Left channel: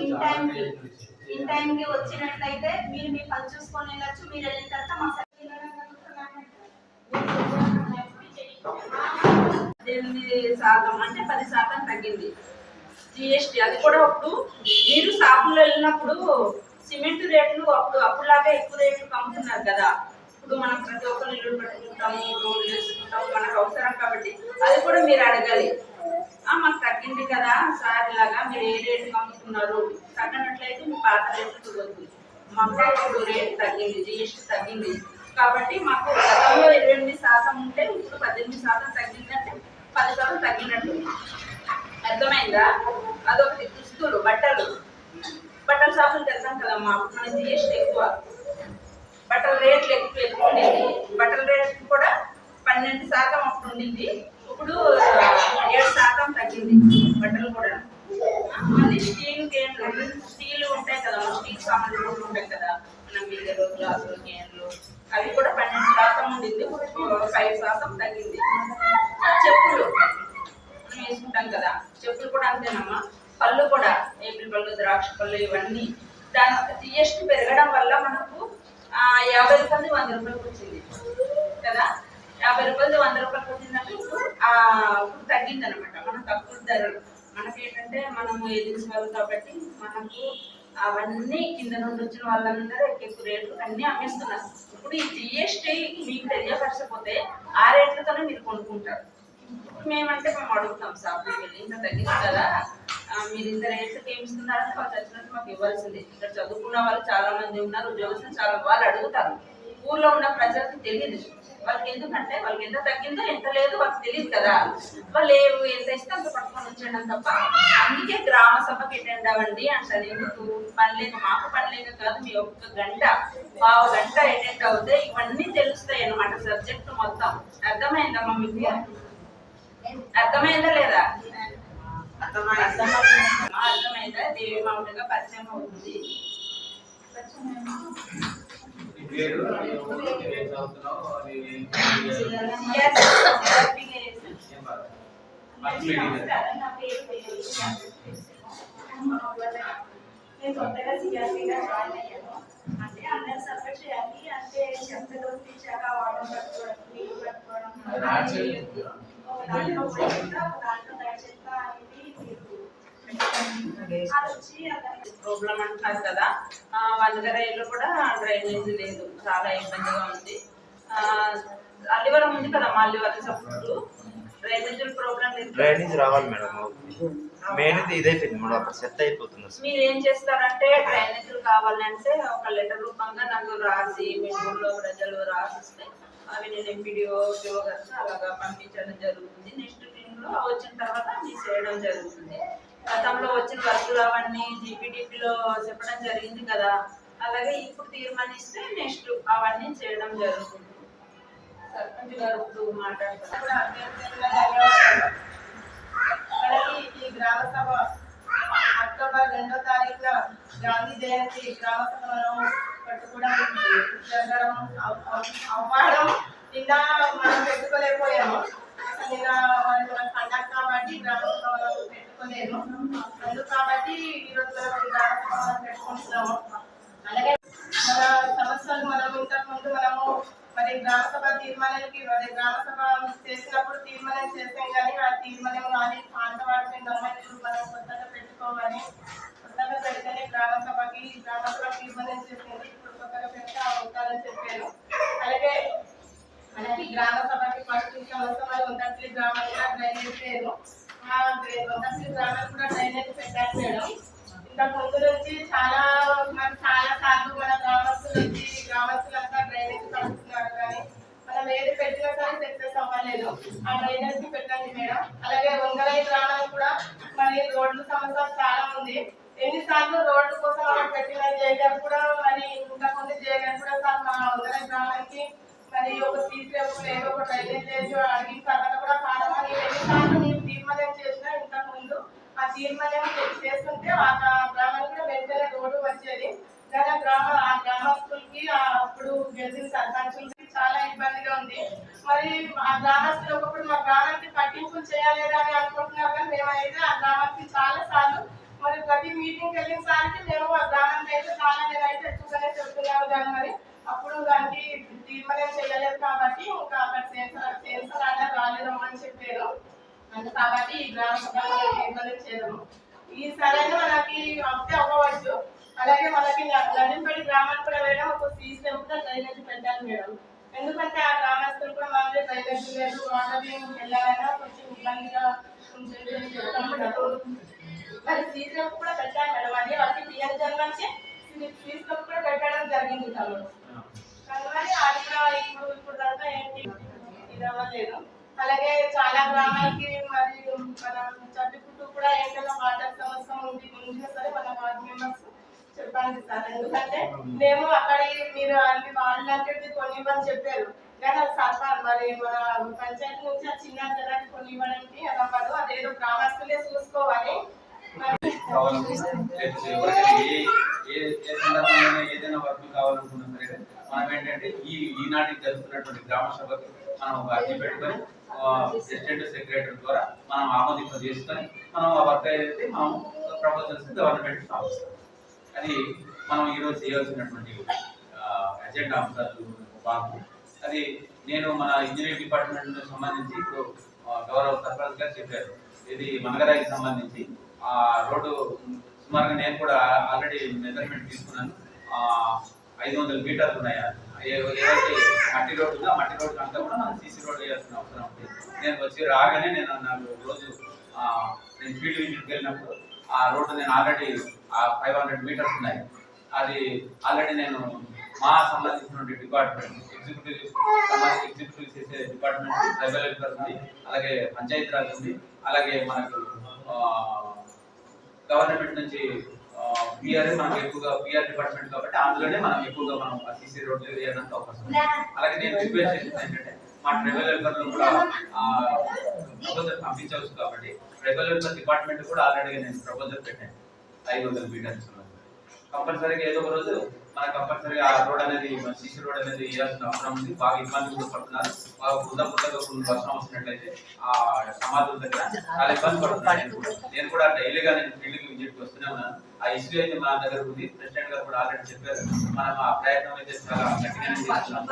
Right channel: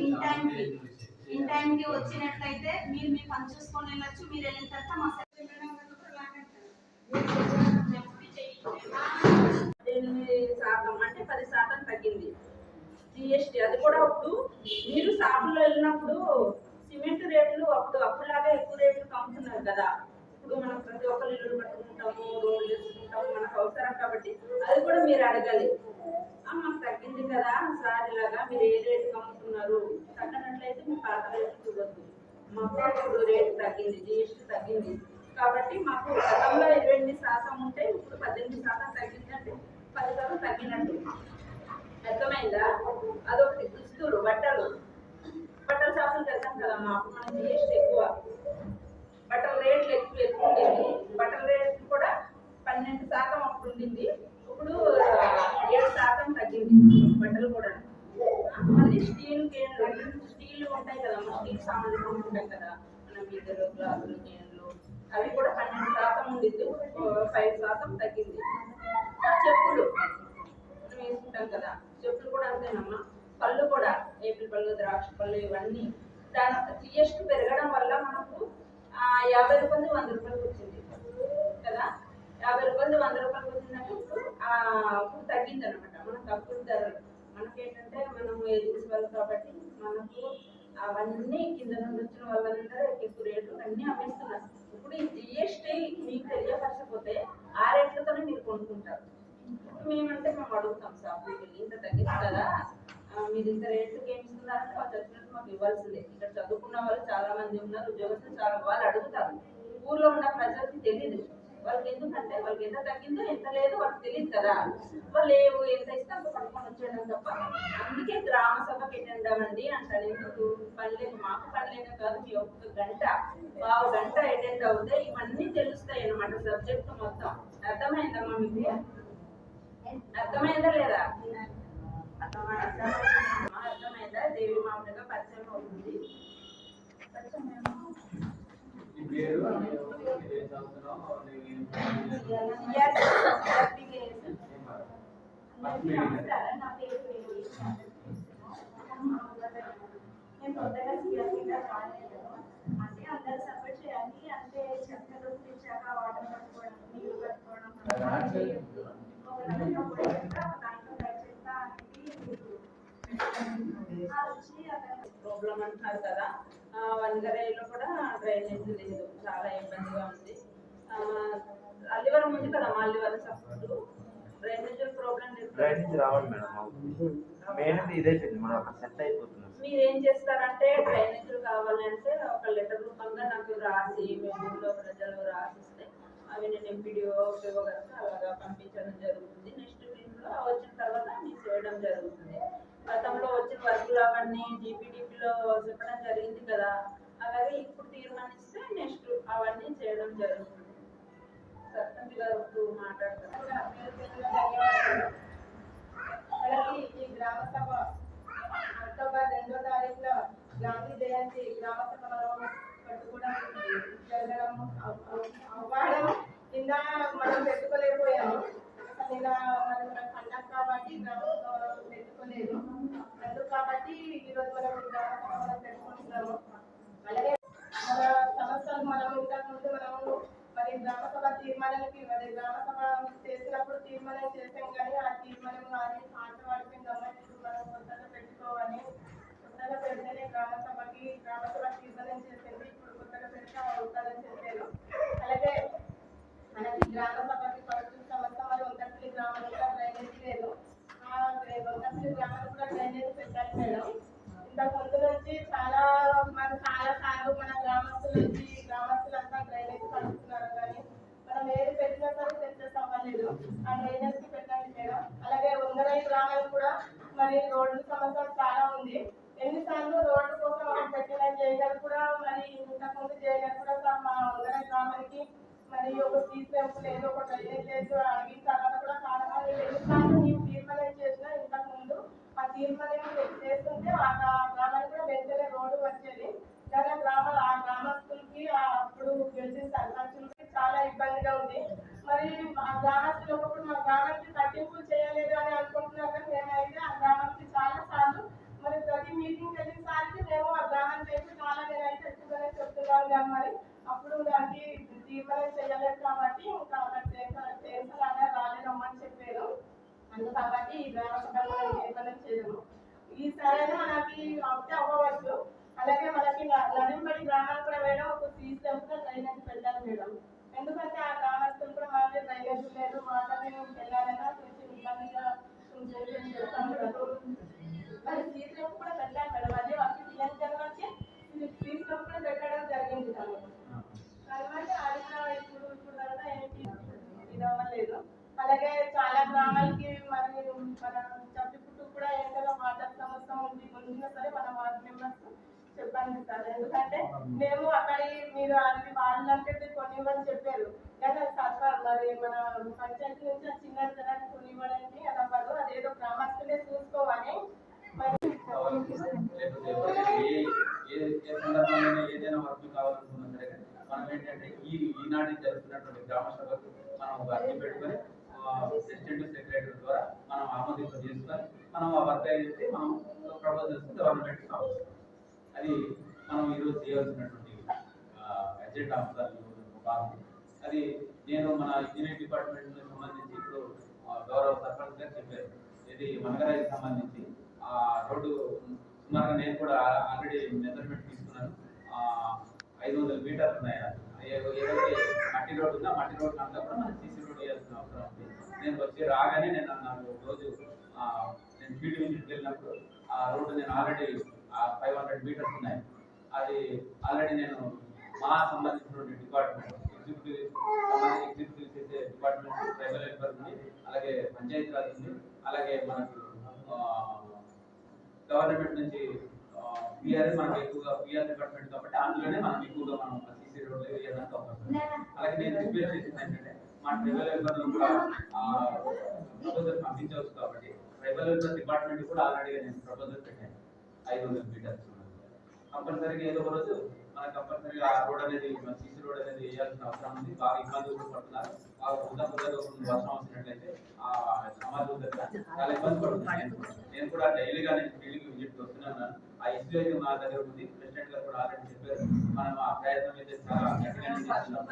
In టైంకి in టైంకి వచ్చినట్లయితే మీరు మీ పని చూసుకొని వెళ్ళొచ్చు మీరు వెళ్ళిన తర్వాత మా పద్దెనిమిది శాతం అంటే పది శాతం తగ్గింది. జిఎస్టీ అది కూడా అప్పుడు మీరు షాపుల్లో వెళ్ళినప్పుడు సిమెంట్ రేట్లు అప్పుడు అప్పుడులాగా ఎక్కువ రేట్లు అమ్ముతున్నారు కదా. ఇప్పుడు మనం ప్రతి ఒక్కరు ఇల్లు పెట్టుకుంటాము రోడ్లు వేసుకుంటాము మనకు అవసరం కాబట్టి అది కూడా మీరు అడగాలి. మాకు తగ్గింది కదా సార్ ఇలాగా మీరు ఏ రేటు అమ్ముతున్నారు తగ్గనట్లయితే మీ పాత రేట్లు చూడొద్దు. మాకు ఇప్పుడు రేటు తగ్గింది జిఎస్టీ తగ్గింది. కాబట్టి మాకు గతంలో ఇరవై ఎనిమిది శాతం ఉంటే ఇప్పుడు పద్దెనిమిది శాతం తగ్గిందంటే పది శాతం తగ్గినట్టు. అర్థమైందా? అదొకటి దుస్తులు బట్టలు. బట్టల షాపులు తెలుసాం కదమ్మా అప్పుడు మన జిఎస్టీ ఎక్కువ. బట్టల రేట్లు ఎక్కువ ఎక్కువ ఉండేది బట్టల రేట్లు కూడా పన్నెండు శాతం అప్పుడు ఉండింది. ఇప్పుడు ఏడు శాతం తగ్గింది. బట్టలు కూడా. మళ్ళీ స్టీల్ కేన్లు స్టీల్ ఉంటాయి కదా స్టీల్ సామాన్లు కూడా ఉంటాయి కదా మన బిల్లలు గ్లాసులు కేన్లు అవి కూడా పన్నెండు శాతం ఉండింది. ఫైవ్ శాతం తగ్గింది. చెప్పులు మనం వేసుకుంటాం కదా చెప్పులు కూడా అంతేనమ్మా. పళ్ళు కూడా ఏపిల్ పళ్ళు ద్రాక్ష పళ్ళు ఇవన్నీ. దాని జిఎస్టీ పెరగడం వల్ల మనకు యాభై రూపాయలు వంద రూపాయలకు వచ్చింది. కదా? యాభై రూపాయలు వంద రూపాయలు వచ్చిందంటే ఇప్పుడు ఆ, ఇప్పుడు తగ్గింది అనమాట మనం తక్కువ ధరలు మనకేంటంటే మనము ఏజెన్సీ వాళ్ళు కాబట్టి మనకు అవన్నీ కింద నుండి వచ్చిన వాళ్ళందరూ ఎక్కువ రేట్లు అన్నీ అమ్మేస్తున్నారు. ఇప్పుడు ఈ జిఎస్టీ మీకు తెలియపరచకపోతే ఆ రేట్లతోనే మీరు కొనుక్కుంటారు. మేమంటే మేము అడుగుతాం షాప్కి వెళ్ళి ఇంత తగ్గిస్తారా? మీరు ఇంత రేట్లకి ఏమి ఇస్తున్నారని వాళ్ళు చచ్చినట్టు మాకు ఇవ్వాల్సిందే. ఇక్కడ చదువుకున్న వాళ్ళు చాలా మంది ఉన్నారు ఉద్యోగస్తులు చాలా వాళ్ళు అడుగుతారు. ఊర్లో ఉన్న ప్రజలకు తెలియదు. వాళ్ళకి ఎందుకంటే వాళ్ళకి ఎంత తగ్గిందో ఎంత లేదు వాళ్ళకి తెలియదు కదా. వాళ్ళు ఏం ఎంత ఇస్తే అంత పట్టుకొని వచ్చేయడం తప్ప అందుకే గ్రామ సభకి అటెండ్ అవ్వండి అంటారు ఎందుకు? పని లేక మాకు పని లేక కాదు మీ ఒక్క గంట పావు గంట అటెండ్ అవుతే ఇవన్నీ తెలుస్తాయి అన్నమాట సబ్జెక్ట్ మొత్తం. అర్థమైందమ్మా మీకు? అర్థమైందా లేదా? అర్థమైందా? అర్థమైందా? దేవి మామూలుగా పరిచయం అవుతుంది. నేను కొత్తగా సిఆర్పీగా జాయిన్ అయ్యాను అంటే అందరు చేయాలి అంటే చెత్తలు తీసాక వాటర్ పట్టుకోవడం నీళ్ళు పట్టుకోవడం అది ఒక దాంట్లో ఒక దాంట్లో చెత్త అనేది అది వచ్చి అతను ప్రాబ్లం అంటున్నారు కదా ఇల్లు కూడా డ్రైనేజ్ లేదు. చాలా ఇబ్బందిగా ఉంది. అల్లివరం ఉంది కదా మా అల్లివరం సపోర్ట్. డ్రైనేజ్ లేదు. డ్రైనేజ్ రావాలి మేడం. మెయిన్ ఇది ఇదైపోయింది మేడం. అక్కడ సెట్ అయిపోతుంది మీరు ఏం చేస్తారంటే డ్రైనేజీలు కావాలంటే ఒక లెటర్ రూపంగా నాకు రాసి మీ ఊళ్ళో ప్రజలు రాసిస్తే అవి నేను ఎంపీడీఓ పిఓ అలాగా పంపించడం జరుగుతుంది. నెక్స్ట్ టీంలో వచ్చిన తర్వాత మీ చేయడం జరుగుతుంది. గతంలో వచ్చిన వర్కులు అవన్నీ డిపిడిపిలో చెప్పడం జరిగింది కదా. అలాగే ఇప్పుడు తీర్మానిస్తే నెక్స్ట్ అవన్నీ చేయడం జరుగుతుంది. సర్పంచ్ గారు ఇప్పుడు మాట్లాడుతున్నారు. ఈ గ్రామ సభ అక్టోబర్ రెండో తారీఖున గాంధీ జయంతి గ్రామ సభలో మనం జరగడం అవ్వడం నిన్న మనం పెట్టుకోలేకపోయాము. నిన్న మరి మన పండగ కాబట్టి గ్రామ సభ మనం అందుకు కాబట్టి ఈరోజు మనం ఈ గ్రామ సభ పెట్టుకుంటున్నాము. అలాగే మన సమస్యలు మనం ఇంతకు ముందు మనము మరి గ్రామ సభ తీర్మానానికి మరి గ్రామ సభ చేసినప్పుడు తీర్మానం చేసాం కానీ ఆ తీర్మానం కానీ పాత వాటిని గమనించి మనం కొత్తగా పెట్టుకోవాలి. కొత్తగా పెడితేనే గ్రామ సభకి గ్రామ సభ తీర్మానం చేసింది. ఇప్పుడు కొత్తగా పెడితే అవుతారని చెప్పాను అలాగే మనకి గ్రామ సభకి ఫస్ట్ సంవత్సరం ఉందట్లి గ్రామానికి డ్రైనేజ్ లేదు. ఆ ఉందట్లి కూడా డ్రైనేజ్ పెట్టాను మేడం. ఇంకా ముందు నుంచి చాలా మన చాలా సార్లు మన గ్రామస్తుల నుంచి గ్రామస్తులంతా డ్రైనేజ్ కడుతున్నారు కానీ మనం ఏది పెట్టినా కానీ సక్సెస్ అవ్వలేదు. ఆ డ్రైనేజ్ పెట్టండి మేడం. అలాగే వంగరై గ్రామానికి కూడా మరి రోడ్ల సమస్య చాలా ఉంది. ఎన్నిసార్లు రోడ్ల కోసం మనం పెట్టిన జేగారు కూడా మరి ఇంతకుముందు జేగారు కూడా సార్ మా వంగరై గ్రామానికి మరి ఒక సీట్ లేదు ఒక డ్రైనేజ్ చేసి అడిగిన తర్వాత కూడా కాదమని ఎన్నిసార్లు మేము తీర్మానం చేసినా ఇంతకు ముందు ఆ తీర్మానం చేస్తుంటే ఆ గ్రామానికి కూడా వెంటనే రోడ్డు వచ్చేది. కానీ ఆ గ్రామ ఆ గ్రామస్తులకి అప్పుడు గెలిచిన సర్పంచులకి చాలా ఇబ్బందిగా ఉంది. మరి ఆ గ్రామస్తులు ఒకప్పుడు మా గ్రామానికి పట్టింపులు చేయలేరు అని అనుకుంటున్నారు కానీ మేమైతే ఆ గ్రామానికి చాలా సార్లు మరి ప్రతి మీటింగ్ వెళ్ళిన సార్కి మేము ఆ గ్రామానికి అయితే చాలా నేనైతే ఎక్కువగానే చెప్తున్నాను కానీ మరి అప్పుడు దానికి తీర్మానం చేయలేదు కాబట్టి ఇంకా అక్కడ సెన్సర్ సెన్సర్ అనేది రాలేదు అని చెప్పారు. కాబట్టి ఈ గ్రామ సభ మనం తీర్మానం చేయడము ఈ సరైన మనకి అవుతే అవ్వవచ్చు. అలాగే మనకి నడింపడి గ్రామానికి కూడా వెళ్ళడం ఒక సీసీ టెంపుల్ డ్రైనేజ్ పెట్టాలి మేడం. ఎందుకంటే ఆ గ్రామస్తులు కూడా మనకి డ్రైనేజ్ లేదు. వాళ్ళని వెళ్ళాలన్నా కొంచెం ఇబ్బందిగా ఉంటుంది మరి టెంపుల్ కూడా పెట్టాలి మేడం. అదే వాళ్ళకి టీఎన్ జన్మకి టెంపుల్ కూడా పెట్టడం జరిగింది తమ్ముడు కానీ అది కూడా ఇప్పుడు ఇప్పుడు దాకా ఏంటి ఇది అవ్వలేదు అలాగే చాలా గ్రామాలకి మరి మన చట్టుకుంటూ కూడా ఏంటంటే వాటర్ సమస్య ఉంది ఉంచినా సరే మన వార్డ్ మెంబర్స్ చెప్పండి సార్. ఎందుకంటే మేము అక్కడికి మీరు అన్ని వాళ్ళంటే కొన్ని ఇవ్వని చెప్పారు. కానీ అది మరి మన పంచాయతీ నుంచి ఆ చిన్న జనానికి కొన్ని ఇవ్వడానికి అది అవ్వదు అదేదో గ్రామస్తులే చూసుకోవాలి. ఏదైనా వర్క్ కావాలనుకున్నా సరే మనం ఏంటంటే ఈ ఈనాటికి జరుగుతున్నటువంటి గ్రామ సభకి మనం ఒక అర్జీ పెట్టుకొని ప్రెసిడెంట్ సెక్రటరీ ద్వారా మనం ఆమోదింప చేసుకొని మనం ఆ వర్క్ ఏదైతే మనం ప్రపోజల్స్ గవర్నమెంట్ పంపిస్తాం. అది మనం ఈరోజు చేయాల్సినటువంటి అజెండా అంశాలు బాగు అది నేను మన ఇంజనీరింగ్ డిపార్ట్మెంట్ సంబంధించి ఇప్పుడు గౌరవ సర్పంచ్ గారు చెప్పారు. ఇది మంగరాయికి సంబంధించి ఆ రోడ్డు సుమారుగా నేను కూడా ఆల్రెడీ మెజర్మెంట్ తీసుకున్నాను. ఐదు వందల మీటర్లు ఉన్నాయి. ఏదైతే మట్టి రోడ్డు ఉందో మట్టి రోడ్డు అంతా కూడా మనం సీసీ రోడ్ చేయాల్సిన అవసరం. నేను వచ్చి రాగానే నేను నాకు రోజు ఆ, నేను ఫీల్డ్ విజిట్కి వెళ్ళినప్పుడు ఆ రోడ్డు నేను ఆల్రెడీ ఫైవ్ హండ్రెడ్ మీటర్స్ ఉన్నాయి. అది ఆల్రెడీ నేను మా సంబంధించినటువంటి డిపార్ట్మెంట్ ఎగ్జిక్యూటివ్ ఎగ్జిక్యూటివ్ చేసే డిపార్ట్మెంట్ ట్రైబల్ వెల్ఫేర్ ఉంది అలాగే పంచాయతీ రాజ్ ఉంది అలాగే మనకు గవర్నమెంట్ నుంచి పిఆర్ మనకు ఎక్కువగా పిఆర్ డిపార్ట్మెంట్ కాబట్టి అందులోనే మనం ఎక్కువగా మనం సీసీ రోడ్లు వేయడానికి అవకాశం అలాగే నేను రిక్వెస్ట్ చేసేది ఏంటంటే మా ట్రైబల్ కూడా ప్రపోజల్ పంపించవచ్చు కాబట్టి ట్రైబల్ వెల్ఫేర్ డిపార్ట్మెంట్ కూడా ఆల్రెడీ నేను ప్రపోజల్ పెట్టాను. ఐదు వందల మీటర్స్. కంపల్సరీగా ఏదో ఒక రోజు మనకు కంపల్సరీగా ఆ రోడ్ అనేది మన సీసీ రోడ్ అనేది వేయాల్సిన అవసరం ఉంది. బాగా ఇబ్బంది కూడా పడుతున్నారు. బాగా బుద్ధ బుద్ధగా కొన్ని వర్షం వచ్చినట్లయితే ఆ సమాధుల దగ్గర చాలా ఇబ్బంది పడుతున్నాను నేను కూడా. నేను కూడా డైలీగా నేను ఫీల్డ్కి విజిట్కి వస్తూనే ఉన్నాను. ఆ ఇష్యూ అయితే మా దగ్గర ఉంది. ప్రెసిడెంట్ గారు కూడా ఆల్రెడీ చెప్పారు. మనం ఆ ప్రయత్నం అయితే చాలా గట్టిగానే చేస్తున్నాం.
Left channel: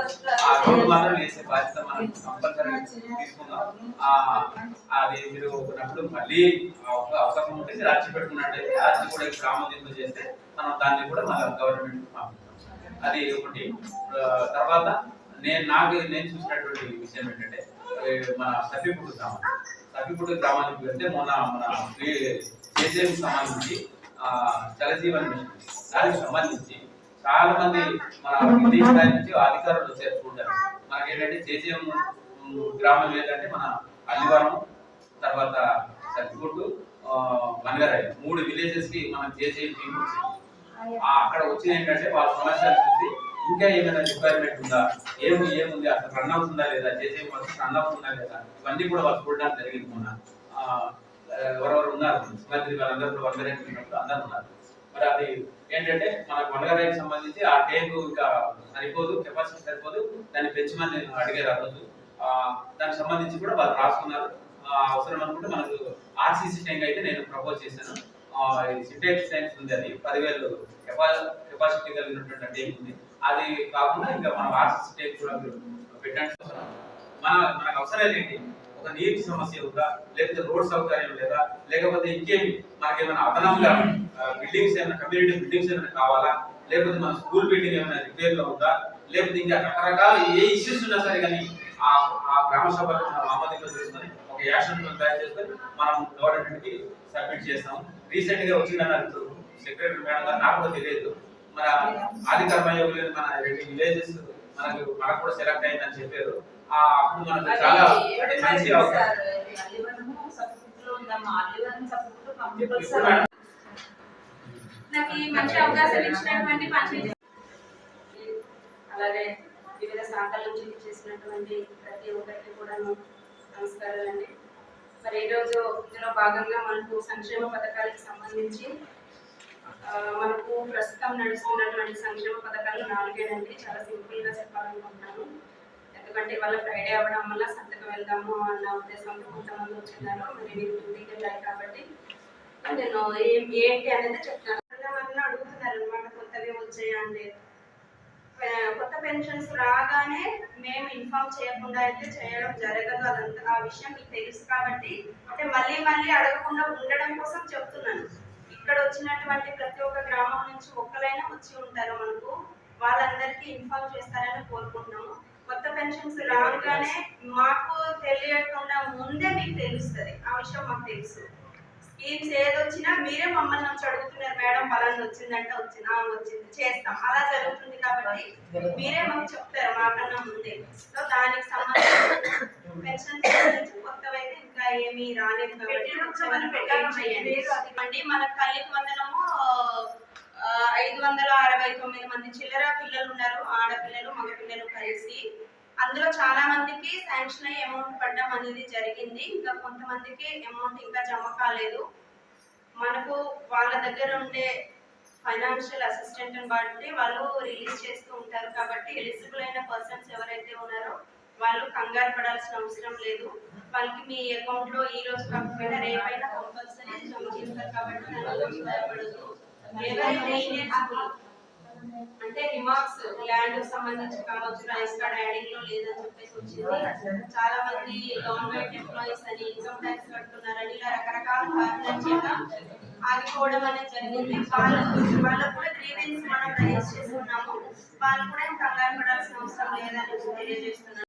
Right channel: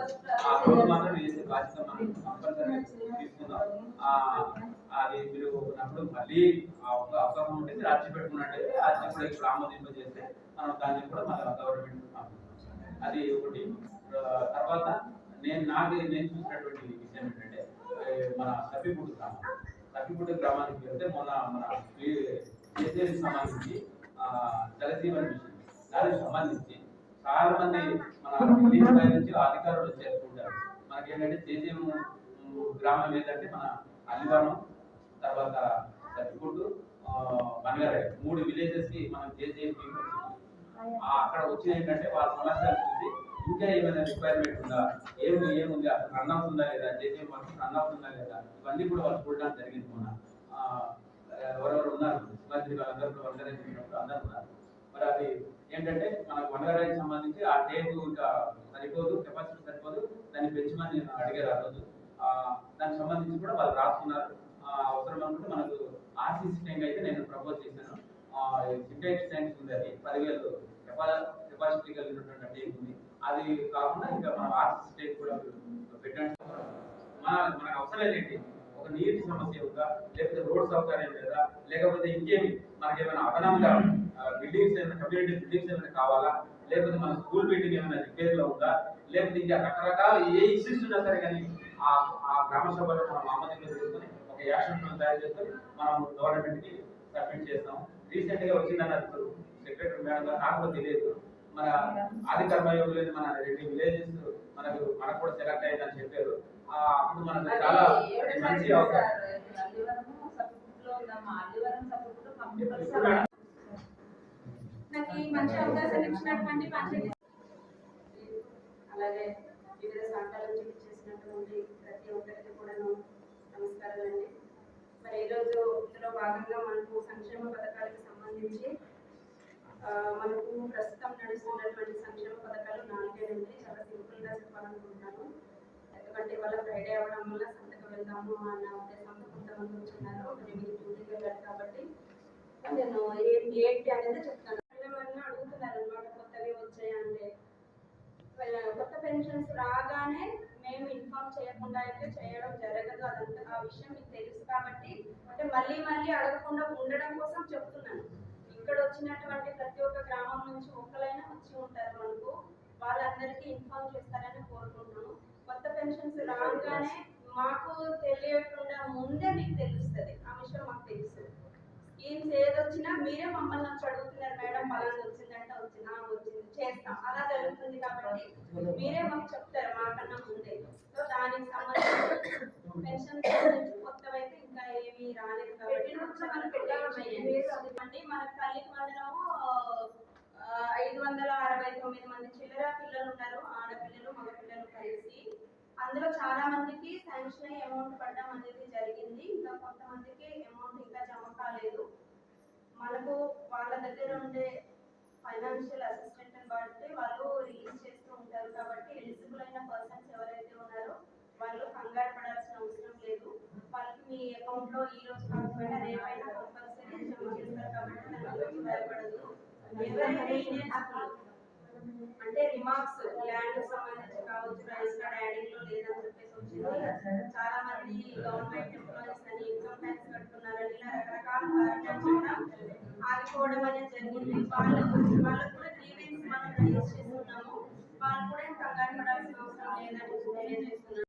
ఆ రోడ్డు మాత్రం వేసే బాధ్యత మనం కంపల్సరీ తీసుకుందాం. ఆ అది మీరు ఒకప్పుడు మళ్ళీ ఒక అవకాశం ఉంటుంది రాజీ పెట్టుకున్నట్టయితే రాజీ కూడా ఇప్పుడు ఆమోదింపు చేస్తే మనం దాన్ని కూడా మన గవర్నమెంట్ పంపిస్తాం. అది ఒకటి తర్వాత నేను నాకు నేను చూసినటువంటి విషయం ఏంటంటే మన సఫీపూడి గ్రామం. సఫీపూడి గ్రామానికి వెళ్తే మొన్న మన కేసీఎం సంబంధించి జలజీవన్ మిషన్. దానికి సంబంధించి చాలా మంది మన విదేశీ నుంచి అధికారులు వచ్చారు చూడడానికి మనకి ఏంటంటే చేసేం గ్రామం ఏంటంటే మన అల్లివరం తర్వాత సత్తిగుడ్డు మనగరాయి మూడు విలేజెస్కి మనం చేసేం టీం వచ్చింది అక్కడ వచ్చిన ఏంటంటే వాళ్ళ సమస్యలు చూసి ఇంకా ఏమైనా రిక్వైర్మెంట్ ఉందా? ఏమి ఏముంది? అసలు రన్ అవుతుందా లేదా? చేసే వర్క్ రన్ అవుతుందా లేదా? ఇవన్నీ కూడా వాళ్ళు చూడడానికి జరిగింది మొన్న. ఎవరెవరు ఉన్నారు? ముఖ్యమంత్రి వాళ్ళందరూ కూడా వందరేకి వెళ్ళినప్పుడు అందరూ ఉన్నారు. మరి అది ఏంటంటే మనకు వందరేకి సంబంధించి ఆ ట్యాంక్ ఇంకా సరిపోదు కెపాసిటీ సరిపోదు. దాన్ని పెంచమని నేను అడిగారు ఆ రోజు. దానికి సంబంధించి కూడా వాళ్ళు రాసుకున్నారు. ఆ, అవసరం అనుకుంటే మనకు ఆర్సీసీ ట్యాంక్ అయితే నేను ప్రపోజ్ చేశాను. సింటెక్స్ సైన్స్ ఉంది అది. పదివేలు కెపాసిటీ కలిగినటువంటి ట్యాంక్ ఉంది. అది కాకుండా ఇంకా మనం ఆర్సీసీ ట్యాంక్ కూడా పెట్టండి మన మనకు అవసరం ఏంటి? ఒక నీటి సమస్య ఉందా? లేకపోతే రోడ్ సౌకర్యం లేదా? లేకపోతే ఇంకేమి? ఏమైనా అదనంగా బిల్డింగ్స్ ఏమైనా కమ్యూనిటీ బిల్డింగ్స్ ఏమైనా కావాలా? లేకపోతే మన స్కూల్ బిల్డింగ్ ఏమైనా రిపేర్లో ఉందా? లేకపోతే ఇంకా రకరకాల ఏ ఇష్యూస్ ఉన్నా సరే కానీ ఆ ఆ గ్రామ సభలో మనం చేసుకొని ఒక యాక్షన్ ప్లాన్ తయారు చేసుకొని మనం గవర్నమెంట్కి సబ్మిట్ చేస్తాం రీసెంట్గా వచ్చిందన్నారు సెక్రటరీ మేడం గారు నాకు కూడా తెలియదు. మన ఆదికర్మ యోగులు మన రెండు విలేజెస్ మనకు మనకు కూడా సెలెక్ట్ అయిందని చెప్పారు. ఆ అప్పుడు మనకు చాలా అంటే మంచి అవకాశం. నాకు ఈ మంచి అవకాశం ఇచ్చినటువంటి పంచాయతీ. అలాగే వివిధ శాఖల నుంచి చేసినటువంటి ప్రతి ఒక్కరికి కూడా నమస్కారాలండి. మరి ఈరోజు ఇందులో భాగంగా మనకు సంక్షేమ పథకాలకు సంబంధించి మనకు ప్రస్తుతం నడుస్తున్నటువంటి సంక్షేమ పథకాలు నాలుగేనండి. చాలా సింపుల్గా చెప్పాలనుకుంటున్నాను. ఎందుకంటే వాళ్ళ ఫ్రైడే అవ్వడం వల్ల సంతకు వెళ్దాము అన్న ఉద్దేశంతో కొంతమంది వచ్చిన్నారు మరి నేను డ్యూటీకి వెళ్ళాలి కాబట్టి. నేను ఏంటి అనేది చెప్తాను. వాళ్ళని అడుగుతున్నారు అనమాట కొత్తవి వచ్చాయంటే కొత్త పెన్షన్స్ రాగానే మేము ఇన్ఫార్మ్ చేయకుండా అయితే చేయడం జరగదు అదంతా ఆ విషయం మీకు తెలుసు కాబట్టి. అంటే మళ్ళీ మళ్ళీ అడగకుండా ఉండడం కోసం చెప్తున్నాను. ఇక్కడ వచ్చినటువంటి ప్రతి ఒక్క గ్రామం నుంచి ఒక్కలైనా వచ్చి ఉంటారు మనకు. వాళ్ళందరికీ ఇన్ఫార్మ్ చేస్తారని కోరుకుంటున్నాము. కొత్త పెన్షన్స్ రాగానే మాకు తెలియకుండా ముందే మీకు తెలుస్తుంది. ఆ విషయం మాకు తెలుసు. స్కీమ్స్ ఏదొచ్చినా మీరే మమ్మల్ని వచ్చి అడుగుతున్నారు మేడం పలానా వచ్చిందంటే వచ్చింది ఆ, వచ్చింది చేస్తాం. అలా జరుగుతుంది కాబట్టి మీరే మాకు చెప్తారు మాకన్నా ముందే. సో దానికి సంబంధించి పెన్షన్ సంబంధించి కొత్తవి అయితే ఇంకా ఏమీ రాలేదు కాబట్టి వచ్చే వరకు వెయిట్ చేయండి. అండి మన తల్లికి వందనము ఐదు వందల అరవై తొమ్మిది మంది చిల్లర పిల్లలు ఉన్నారు ఆడపిల్లలు మగపిల్లలు కలిసి అందులో చాలా మందికి శాంక్షన్ అయ్యి అమౌంట్ పడడం అనేది జరిగింది. ఇంకా కొంతమందికి అమౌంట్ ఇంకా జమ కాలేదు. మనకు వాళ్ళ దగ్గర ఉండే ఫైనాన్షియల్ అసిస్టెంట్ బట్టి వాళ్ళు రిలీజ్ చేస్తూ ఉంటారు. కాబట్టి ఎలిజిబుల్ అయిన పర్సన్స్ ఎవరైతే ఉన్నారో వాళ్ళు కంగారు పడాల్సిన అవసరం లేదు. వాళ్ళకి మీ అకౌంట్లో ఈ రోజు కాకపోయినా రేపైనా కంపల్సరీ జమ చేస్తారు కాబట్టి దాని గురించి భయపడదు అంటే రిమార్క్స్ ల్యాండ్ సంబంధించి కావచ్చు రైస్ కార్డ్ యాడింగ్లో లేదని చెప్పేసి వచ్చింది. చాలా మంది గవర్నమెంట్ ఎంప్లాయీస్ అని ఇన్కమ్ ట్యాక్స్ కడుతున్నారని ఇలా రకరకాల కారణాల చేత ఆగిపోవడం అనేది జరిగింది. వాళ్ళకు వాళ్ళకు కూడా గ్రీవెన్స్ మనం రైజ్ చేస్తున్నాము వాళ్ళు కూడా కంగారు పడాల్సిన అవసరం లేదని తెలియజేస్తున్నాను.